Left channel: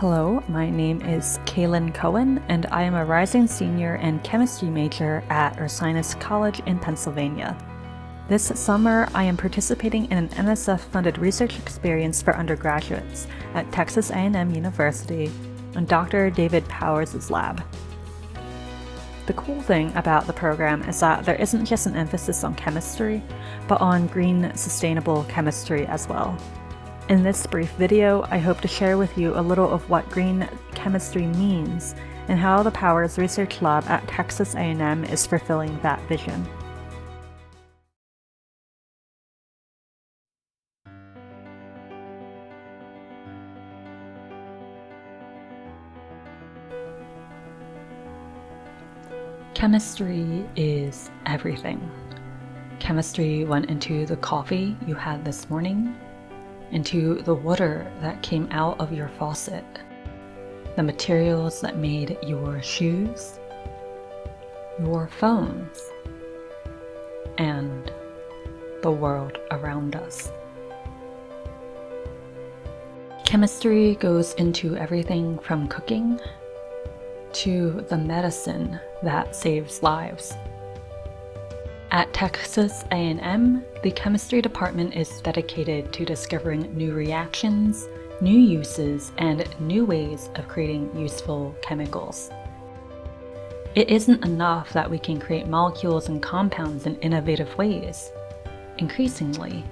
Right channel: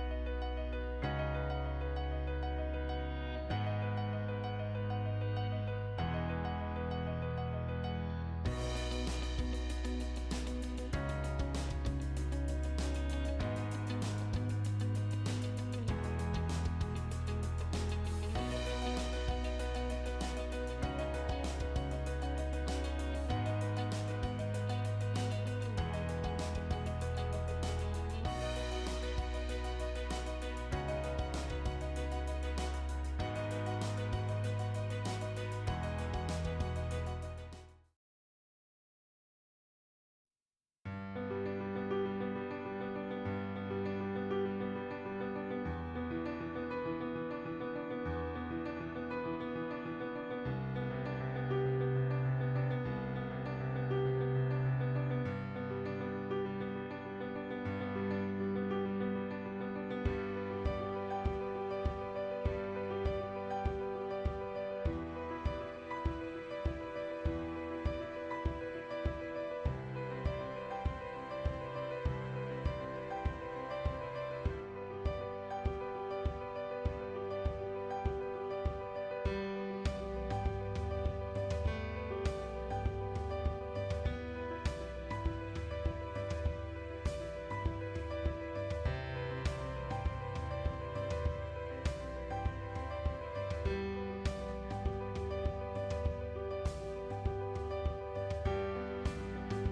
Hello, my name is Kailyn Cohen, and I am a rising senior and chemistry major at Ursinus College in Pennsylvania. This summer, I am participating in an NSF-funded research experience for undergraduates at Texas A&M University in Dr. David Powers' lab. The cool thing about the program is that there isn't just an emphasis on chemistry, but on green, sustainable chemistry as well. In this brief video, I hope to share with you a little of what green chemistry means and how the Powers Research Lab at Texas A&M is fulfilling that vision. Chemistry is everything. Chemistry went into the coffee you had this morning, into the water that came out of your faucet, the materials that made your shoes, your phones, and the world around us. Chemistry goes into everything from cooking to the medicine that saves lives. At Texas A&M, the chemistry department is dedicated to discovering new reactions, new uses, and new ways of creating useful chemicals. It isn't enough that we can create molecules and compounds in innovative ways. Increasingly,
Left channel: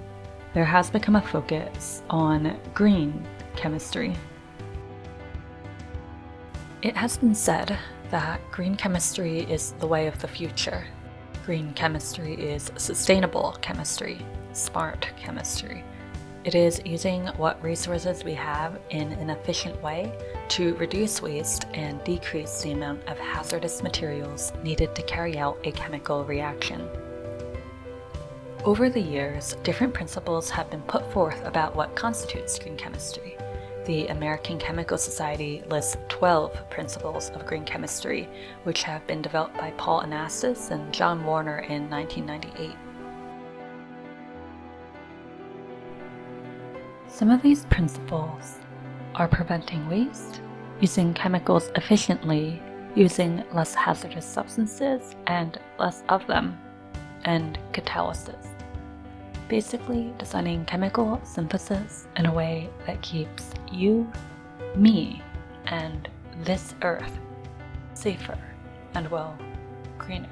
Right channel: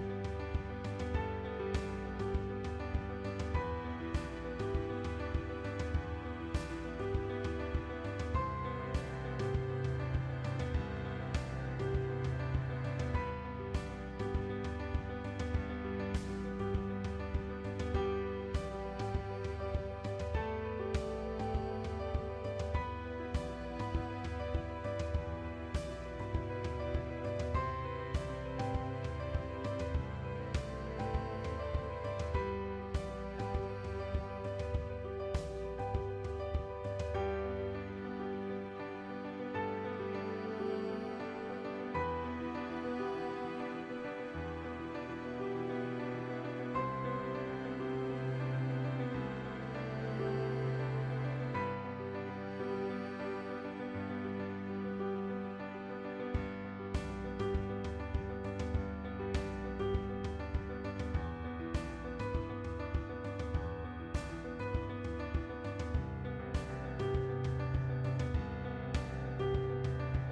there has become a focus on green chemistry. It has been said that green chemistry is the way of the future. Green chemistry is sustainable chemistry, smart chemistry. It is using what resources we have in an efficient way to reduce waste and decrease the amount of hazardous materials needed to carry out a chemical reaction. Over the years, different principles have been put forth about what constitutes green chemistry. The American Chemical Society lists 12 principles of green chemistry, which have been developed by Paul Anastas and John Warner in 1998. Some of these principles are preventing waste, using chemicals efficiently, using less hazardous substances and less of them, and catalysis. Basically, designing chemical synthesis in a way that keeps you, me, and this earth safer and, well, greener.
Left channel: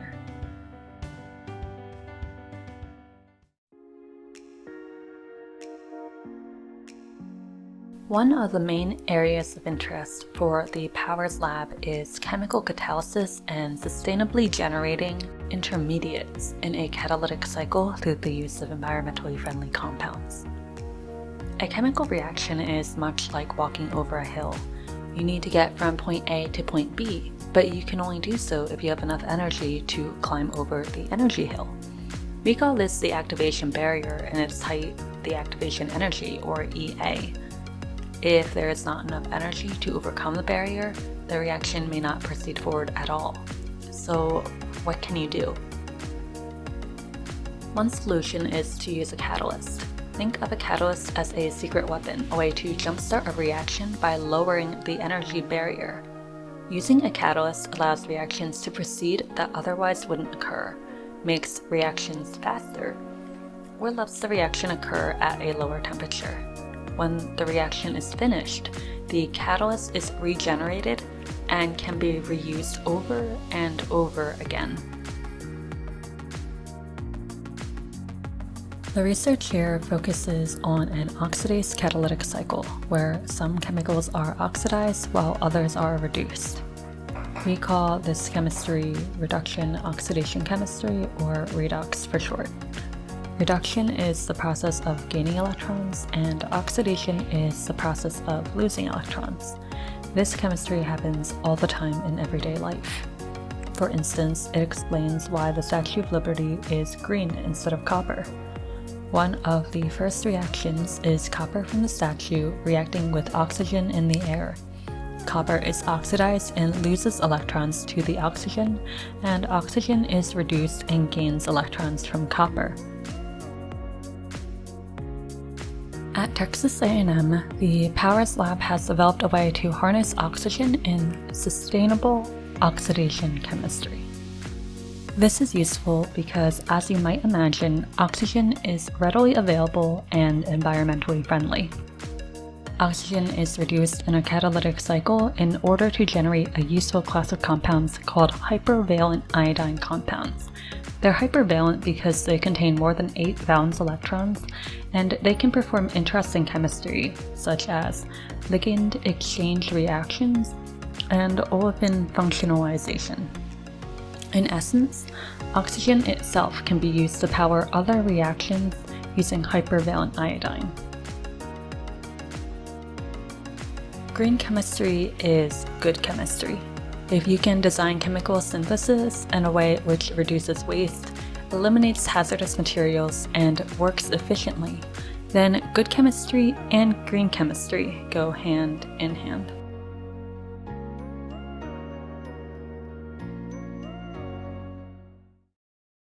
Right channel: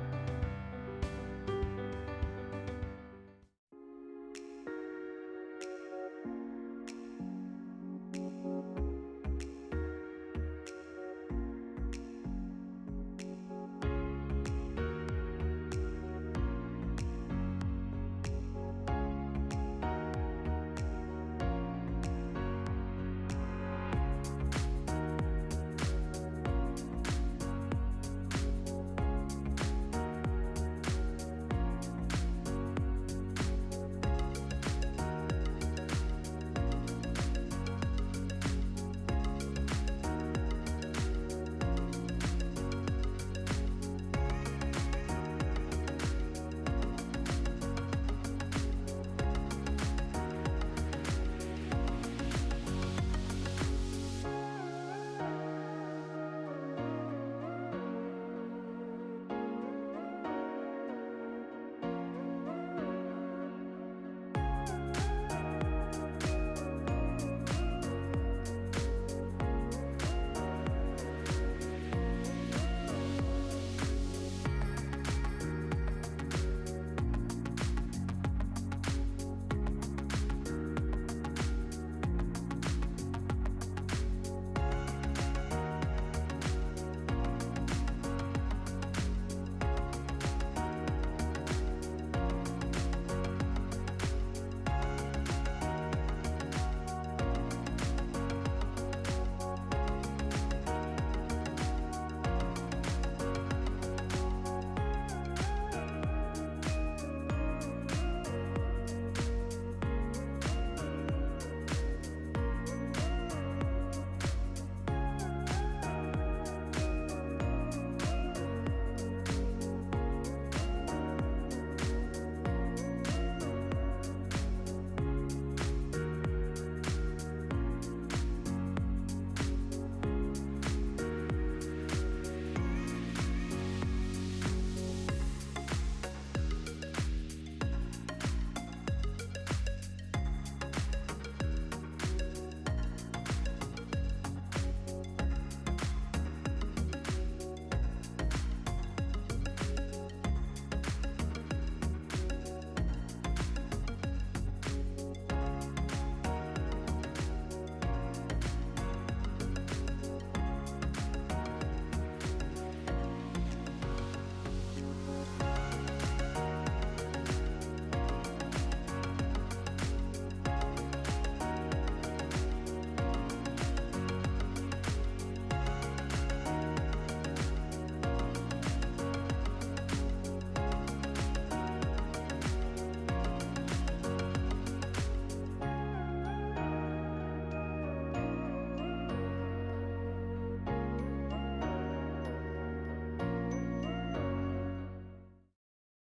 One of the main areas of interest for the Powers Lab is chemical catalysis and sustainably generating intermediates in a catalytic cycle through the use of environmentally friendly compounds. A chemical reaction is much like walking over a hill. You need to get from point A to point B, but you can only do so if you have enough energy to climb over the energy hill. We call this the activation barrier, and its height the activation energy, or EA. If there is not enough energy to overcome the barrier, the reaction may not proceed forward at all. So, what can you do? One solution is to use a catalyst. Think of a catalyst as a secret weapon, a way to jumpstart a reaction by lowering the energy barrier. Using a catalyst allows reactions to proceed that otherwise wouldn't occur, makes reactions faster, or lets the reaction occur at a lower temperature. When the reaction is finished, the catalyst is regenerated and can be reused over and over again. The research here focuses on an oxidase catalytic cycle, where some chemicals are oxidized while others are reduced. We call this chemistry reduction-oxidation chemistry, or redox for short. Reduction is the process of gaining electrons, and oxidation is the process of losing electrons. This chemistry happens all the time in everyday life. For instance, it explains why the Statue of Liberty is green instead of copper. One of the first reactions is copper from the statue reacting with oxygen in the air. Copper is oxidized and loses electrons to the oxygen, and oxygen is reduced and gains electrons from copper. At Texas A&M, the Powers Lab has developed a way to harness oxygen in sustainable oxidation chemistry. This is useful because, as you might imagine, oxygen is readily available and environmentally friendly. Oxygen is reduced in a catalytic cycle in order to generate a useful class of compounds called hypervalent iodine compounds. They're hypervalent because they contain more than 8 valence electrons, and they can perform interesting chemistry, such as ligand exchange reactions and olefin functionalization. In essence, oxygen itself can be used to power other reactions using hypervalent iodine. Green chemistry is good chemistry. If you can design chemical synthesis in a way which reduces waste, eliminates hazardous materials, and works efficiently, then good chemistry and green chemistry go hand in hand.